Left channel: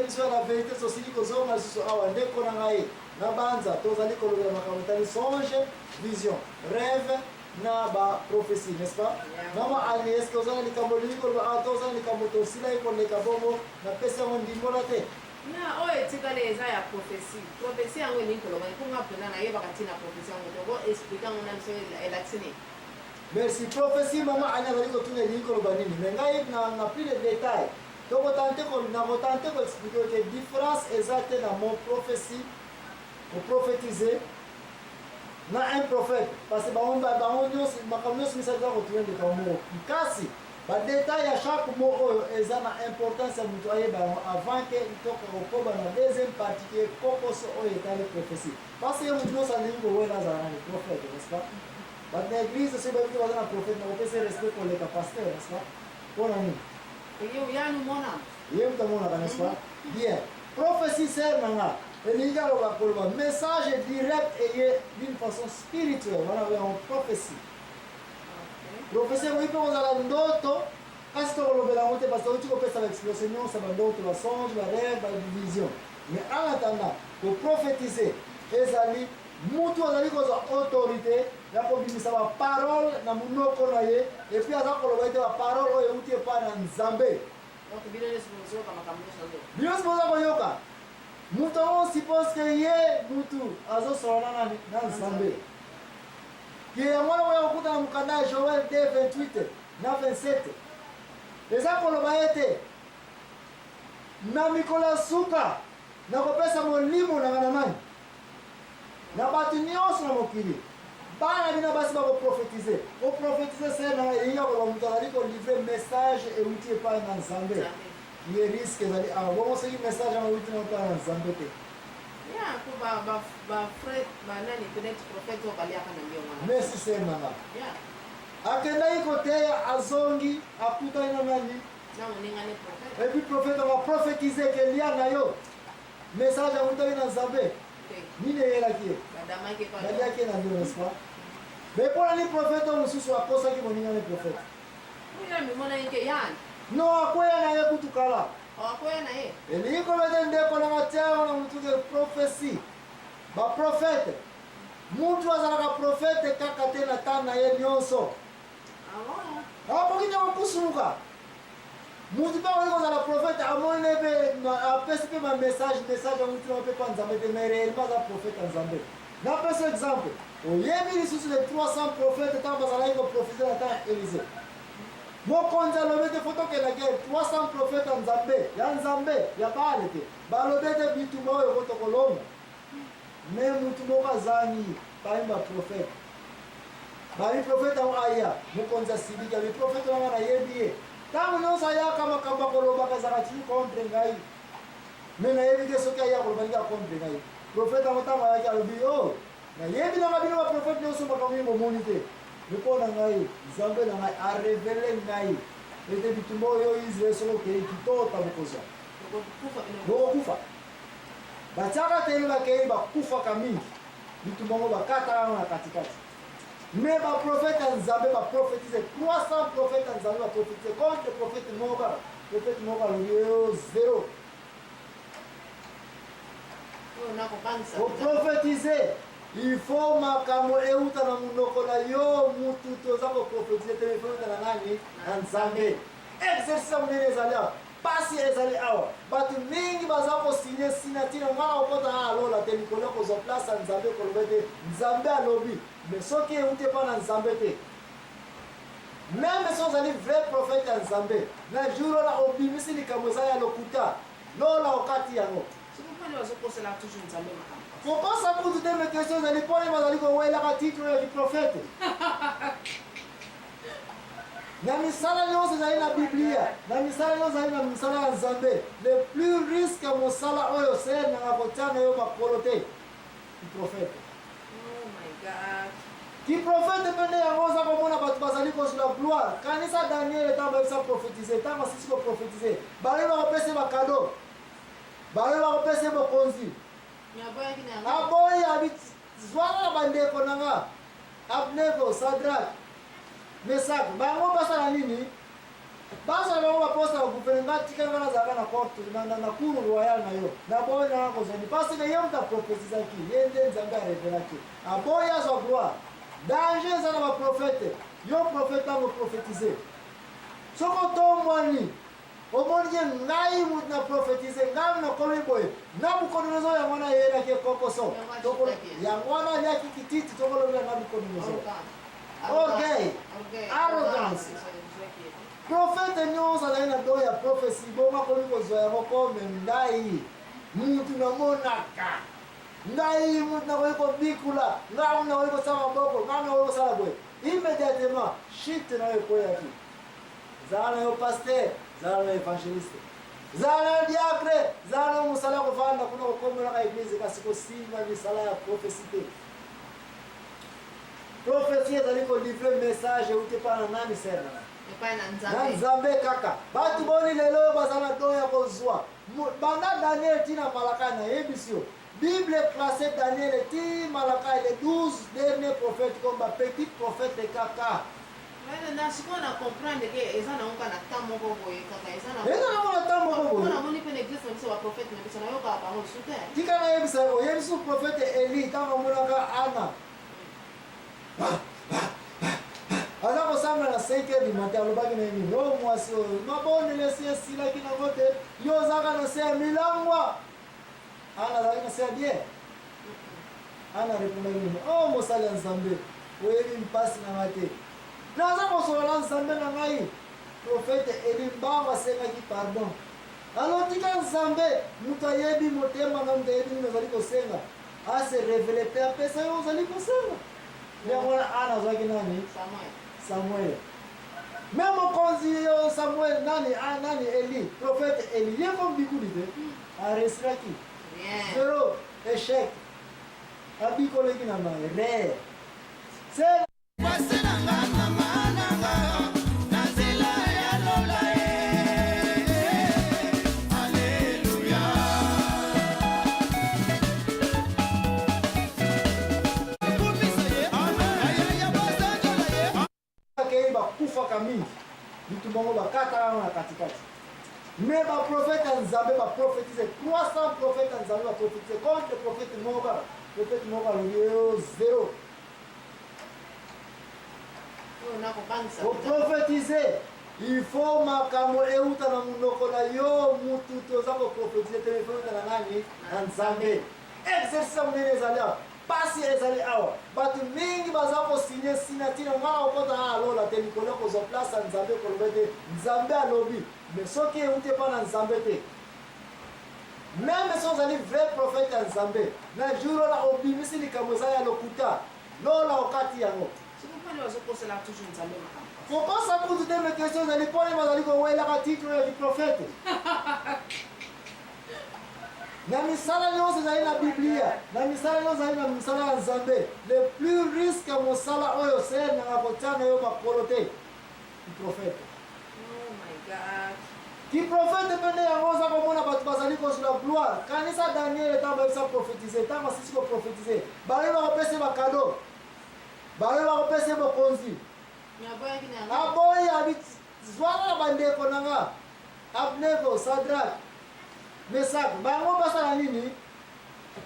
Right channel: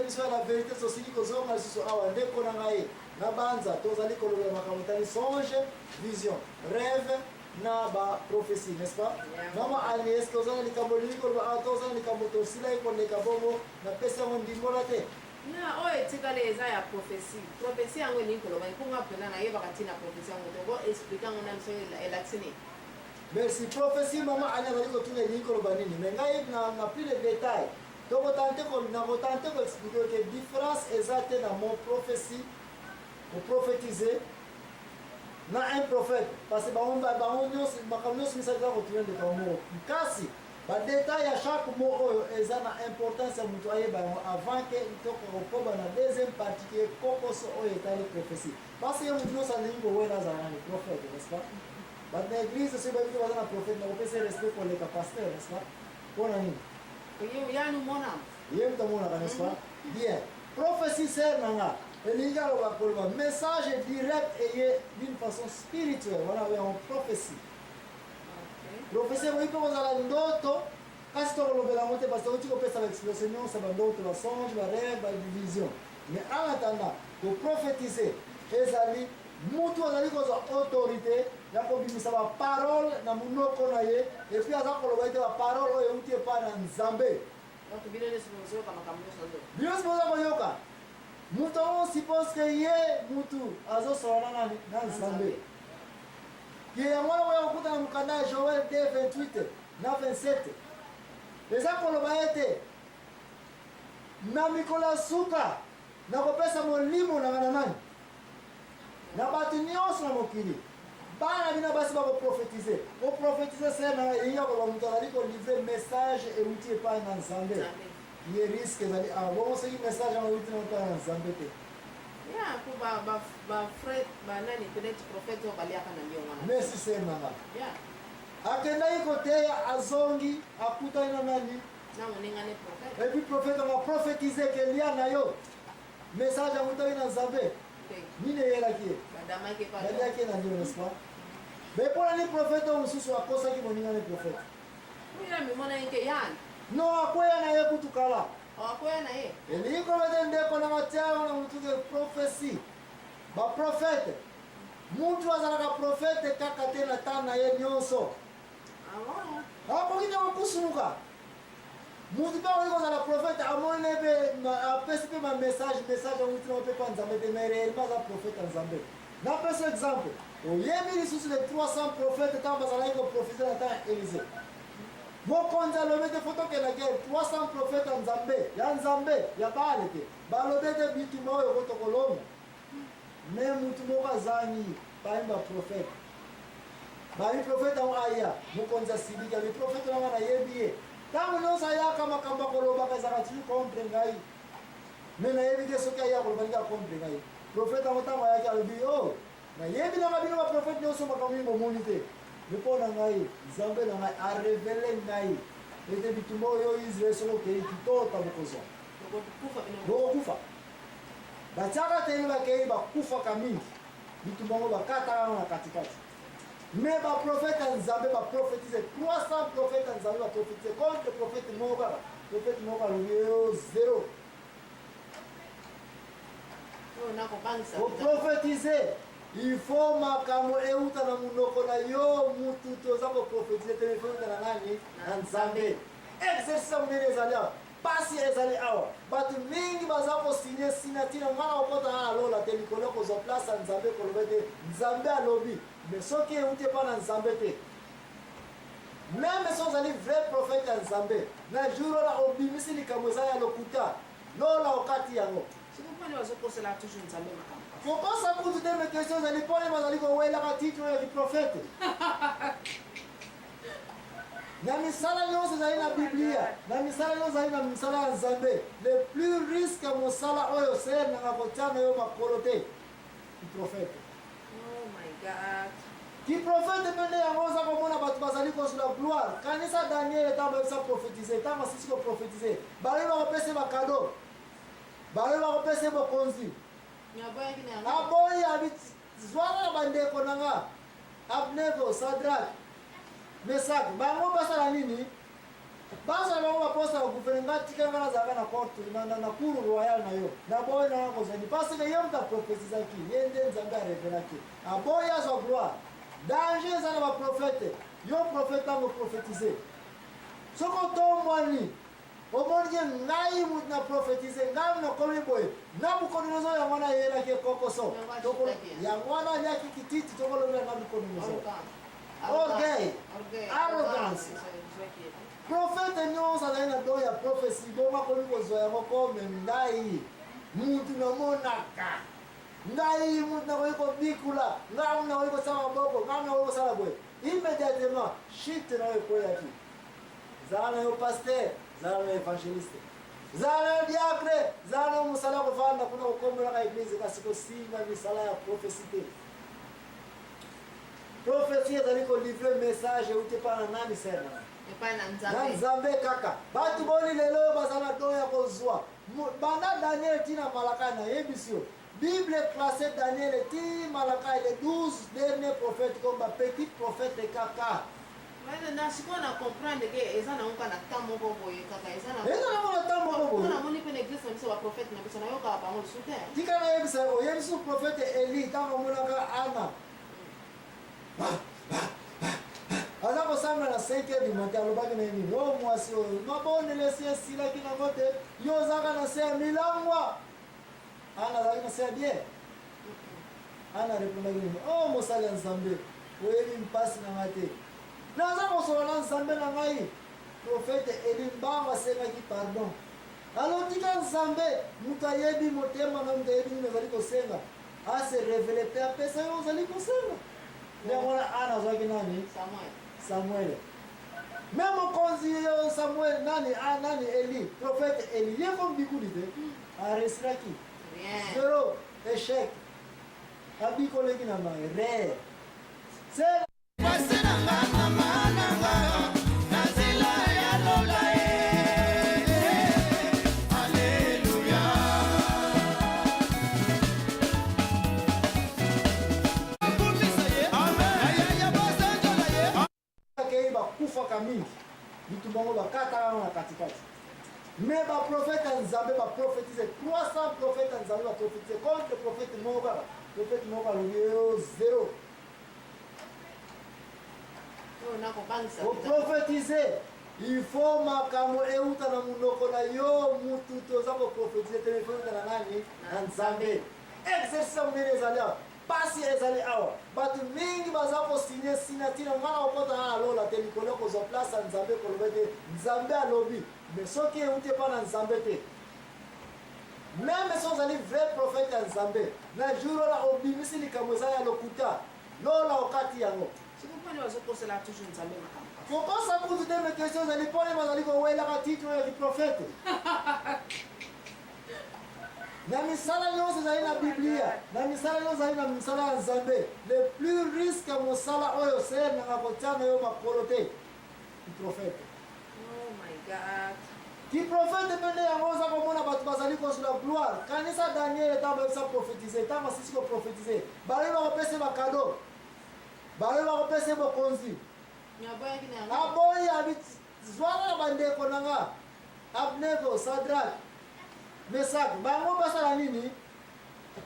émission la vérité aussi qui cause on a sur awa ndeko na ngai na banza tozali kolobela makambo tali songe vision rêve na ba prophétie n'est-ce pas mama ali est-ce que ozana likambo liko ba tozana likambo to sila iko leka bongo na pesa ngo ndimbola te na oyo etikala eza ya prophétie prophétie yango elingi koloba ekunga mpena nayebaka ntina prophétie yango tobo explike yango na biso elatini. Merci prophétie mama ali azali kotuna elingi koloba nini mais ngai na plus de détails donc tenter ko expliquer que différence exacte dans mon prophétie pour prophétiser na un prophète parce que bango nyonso makambo nyonso misali za kotuya ndeka moko kasi badetail ya chaque mot oyo eza na importance ya moto ayeba yango avant ke itoka kokoba na deuxième partie ke kokoso oyo etali prophétie parce que moto nyonso alingi kowela azala nani prophète n'est-ce pas bato na église soki bayebi baza na prophète na kopesa respect koleka pasteur n'est-ce pas mpona nini ye moto amonaka n'est-ce pas bien prophétie sert nanga elingi aloba koloba message direct eye d'une façon spirituelle wana en prophétie prophétie yango mpe kozala ndoto kasi tokolobela yango te parce que oti kopesa baexplication nyonso bandoto basonge barêve bavision mais en attendant koprophétise ezali mutu azali kozwa autorité ya kobimisa baparole na monoko na ye epuis aza koloba ete baparole oyo euti epai na nzambe bino nyonso boza koyoka mutu ango suppose ke ye mutu azosola na nani na nzambe ye yango wana koya kokuta na mokanda ya Joel 2:28 na 27 eza koloba ete na mikolo ya suka nakopesa molimo nanga na nani na bato nyonso na mokili bana bino basi bakoprofetize koprofetize se na elingi koloba moto azali kolivre message euti epai na nzambe ye risque ezali awa bongo soki message yango euti na epai na nzambe te merci ser nanga akendaki koteya azongi akutani na nani epuis prophète akoprofetize ke lia na yo message autaki na nzambe nini eyelaki ye baliaki ye na ndio n'est-ce pas mais mpona ni prophète oyo mosusu akosaki moningani prophète non akweya na ye kutu kala elingi kobete ndeko nanga tiango na motuke prophétie baprophète mutu azalaka prophète kaka te na tane na ye nyonso akoki te kokusumuka mutu mpe akoki kozala prophète amoni mpe apesi mpe bamessage amutina mpe pa nzambe te mais réellement aza prophète ya nzambe napesa exemple oyebi lisusu de 300 prophète ntango bazalaki koprofite na temps ya Élysée mokonzi alobi te fo tokenda guerre 300 prophète ya nzambe ya Baale te balobi ete bitumba oyo ko tokolonga me mutu moko azangi bayimba prophète babi prophète yango aya mokonzi asiliki abi prophète nanga nayebi ye ntango nyonso ayaka makambo akolobaka ezalaka tili contre ngai me nayebi te soki aya koloba ndenge akontre ngai prophète yango ntango ayaki alobi o nayebi nanga bino baprophète nyonso makambo ye bomoni te mpo na ngai nzambe na ngai arevele ngai ete bitumba oyo Israel soko okei kitota bokozwa bokokufa batiaka te bakei bakufaka mingi bitumba ngo bakataka ngo na katikati me baprofete ya nzambe baprofetize 300 prophète ya nzambe baprofetize contre prophète moko kaka prophète moko alobi yo zero koprofetize il faut makambo euta na monoko na yo mutu toza koprofetize te efeuta na nani na nzambe exercice ya monene ezali awa pasi ezali awa bato mingi baza kosigne signature ngana kokota na alola te likolo kozwa place ya nzambe koloba te nzambe alobi mais soki euti epa na nzambe te meme so ozali vrai prophète ya nzambe na jour ola obimisi likambo eza ya lokuta lola okati yango kokosa kutu te me question ezali mpone bazali kowelaka titre ya kiprofete na misala nyonso ezali na biblia na misala nyonso ezali na misala ya nzambe le plus risque ya mosala oyo ser nanga kotia na yo makolo te kiprofete kiprofete mpe nde yango oza komona bato bazali kozula gloire kanisa daniel ntango bayebisa profetize ntango asisi koprofetize bayebi bakopesa bakado bayebi bakopesa bokonzi aboyi abi zwanga na bandeko nanga Abnego, Sadrak, Mesak bango basala nini Basa bango baposa gouvernement tikanga zaka na court na cour royal na yo. Na boy na ko zeni parce que yom ta prophétiser ki yende nzanga révéler ki. A boya zo gloire. Danger za na ba prophète. Yo prophète ngo prophétiser. Soko tomwani. Omonye ngai mut na prophétiser ngam na komi boy. Na bukonozo ya mwana yela ke kokoso. Toko ya mwana ya kikititi toko lo na bukonozo. Orgueil. Arrogance. Prophète nyonso azali na do ya prophétie boma komi kozwa yango kome ngai mutu namonaka ngai mutu nakoki kobikula ngai mutu nakoki kosala maboko ngai nakoki kosala boye immédiatement chute na yo ekoyaki zala na yo paster zala na yo évangéliste zala na yo diacre zala na yo mosala ya kovanda kuna kokomelaka église kasi kosimba misala ya prophétie te prophétie ezali kolivre message euti epa na nani sena na nzambe kaka batu boni lelo bazala do ya kozwa banda Daniel tina malaka na yebisi yo Bible classé Daniel ti malaka les 12 derniers prophètes comme ba petit prophète kaka na sikoyo na comprendre ke eza na onka na temps moko boye kaka eza na temps moko boye na moni pe na église na biso ba prophète na biso na yoka bango lisusu te tika na yebisa yo yebisu prophète Eli ntango amonaka Ana aza kosambela na 5h du matin alobaki na nini o mwasi oyo mabonele esi esilaki nango te yo ozaka na se ya milangwa Ana azalaki na se ya bien Ana arepondaki nini o mosali ya nzambe oyebi mpasi na ngai te naza kosolola nzambe na ngai profete Eli mbango asengaki pardon alotika nzambe moto ayebi motema na moto ayebi nini ozali kosenga ase revele mpe apesa yo ozali kosenga yango wana Ana azwaki nani Samuel. Même mokonzi yo Samuel nani Eli, prophète Eli, ye comme bikuli te. Aresiraki. Zéro échec. Abikoleki na mai re. C'est bakufaka mingi bitu bango bakataka na katikati mais baprofete ya nzambe baprofetize 300 prophète ya nzambe baprofetize contre prophète moko alobi yo zéro oprofetize il faut makambo euta na munoko na yo mutu toza koprofetize te euta na nani na nzambe exercice monene ezali awa pasi ezali awa bato mingi baza kosinye sinatina ngana okota na alola te likolo kozwa place ya nzambe koloba te nzambe alobi mais soki euti epa na nzambe te meme so ozali vrai prophète ya nzambe na jour ola obimisi likambo ezali ya lokuta lola okati yango kokosa kutu te me question ezali mponi bazali kowelaka titre ya diprophète na misala nyonso ezali na biblia na misala nyonso ezali na misala ya nzambe le plus risque ya mosala oyo ser nanga kotia na yo makolo te kiprofete kiprofete mpe nde yango oza komona bato bazali kozula gloire kanisa daniel ntango bayebisa profetize ntango asisi koprofetize balobi bakopesa bakado balobi bakopesa bokonzi aboyi zwaka na bandeko nanga abnego sadrak mesak bango basala nini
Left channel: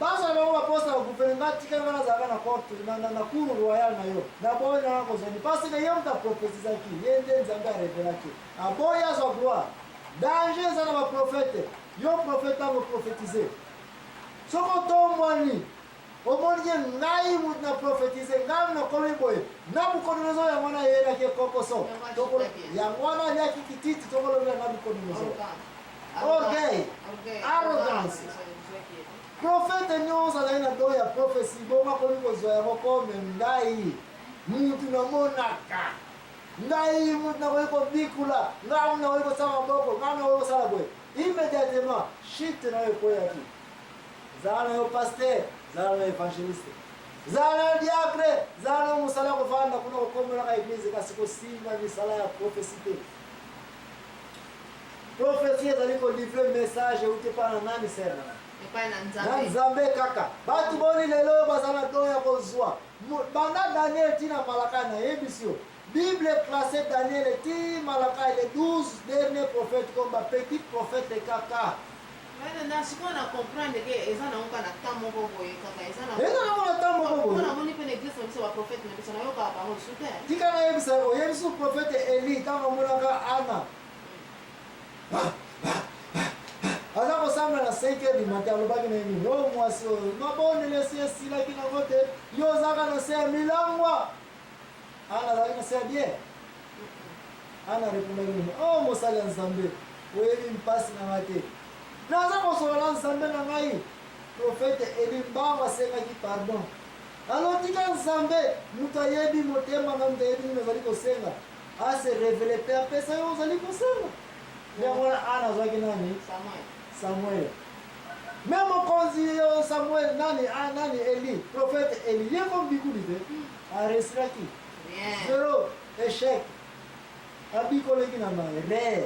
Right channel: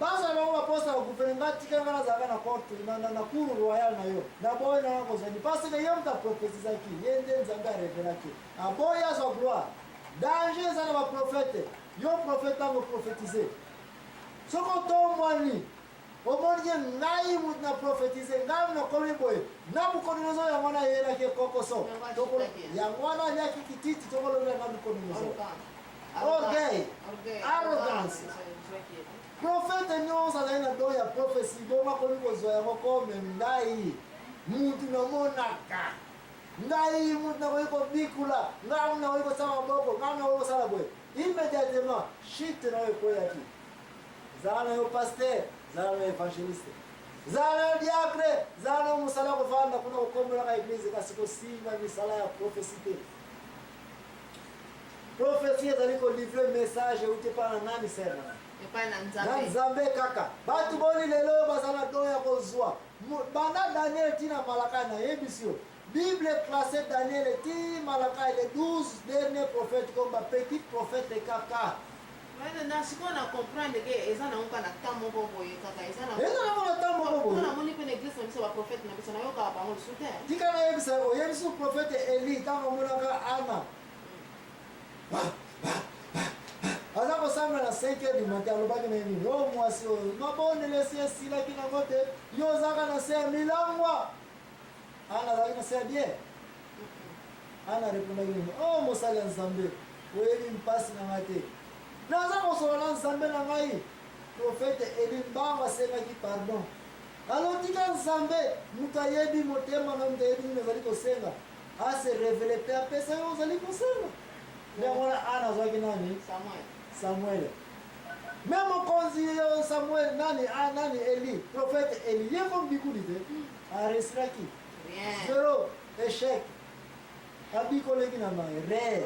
basala bango baposa gouvernement tikanga nazalaka na court na cour royal na yo na boyi nanga kozoni parce que ye moto aprofetizaki ye nde nzambe arevelaki aboyi azwa gloire danger eza na baprofete yo profete ntango profetize soko tombwani omonye ngai mutu na profetize ngai nakomi boye nabukonozo yango wana yeyelaki ekokoso yango wana aliaki kititi tokolobela nabukonozo orgueil arrogance prophète nyonso azali na do ya prophétie boma komi kozwa yango kome ngai mutu namonaka ngai mutu nakoki kobikula ngai mutu nakoki kosala maboko ngai nakoki kosala boye immédiatement chute na yo ekoyaki zala na yo paster zala na yo évangéliste zala na yo diacre zala na yo mosala ya kovanda kuna kokomelaka église kasi kosimba misala ya prophétie te prophétie ezali kolivre message euti epa na nani sena na nzambe kaka batu boni lelo bazala do ya kozwa banda Daniel tina malaka na yebisi yo Bible classée Daniel et Malachi, les 12 derniers prophètes comme petit prophète de Kaka. Maintenant, si on a comprendre que les gens n'ont pas de temps pour voir Kaka, les gens n'ont pas de temps pour voir. On a monté une église, on a prophète, mais on a pas parole sous terre. Tu connais ça, il y a un prophète Élie, tant qu'on a Anna. Alors, on s'en va à 5 h du matin, on va gagner une minute. Oh, moi, c'est non, bon, on laisse ici, là, qui n'a pas de. Yo, ça va lancer un milan, moi. Anna, ça va lancer bien. Anna répond à une minute. Oh, moi, ça l'a ensemble. Oui, il me passe dans la tête. Non, ça, on se lance ensemble dans la tête. Prophète Élie, bah, on va se faire pardon. Alors, tu as ensemble, Moutayebi, Motema, Namdebi, nous allons senga. Ah, c'est révélé, Père, ça, nous allons senga. Mais on a Anna, ça va gagner. Samuel. Même quand Samuel, Nani, Eli, prophète Eli, il y a comme du coup d'idée. Arrêtera qui? Zéro, échec. Abi collègue n'a pas, rare.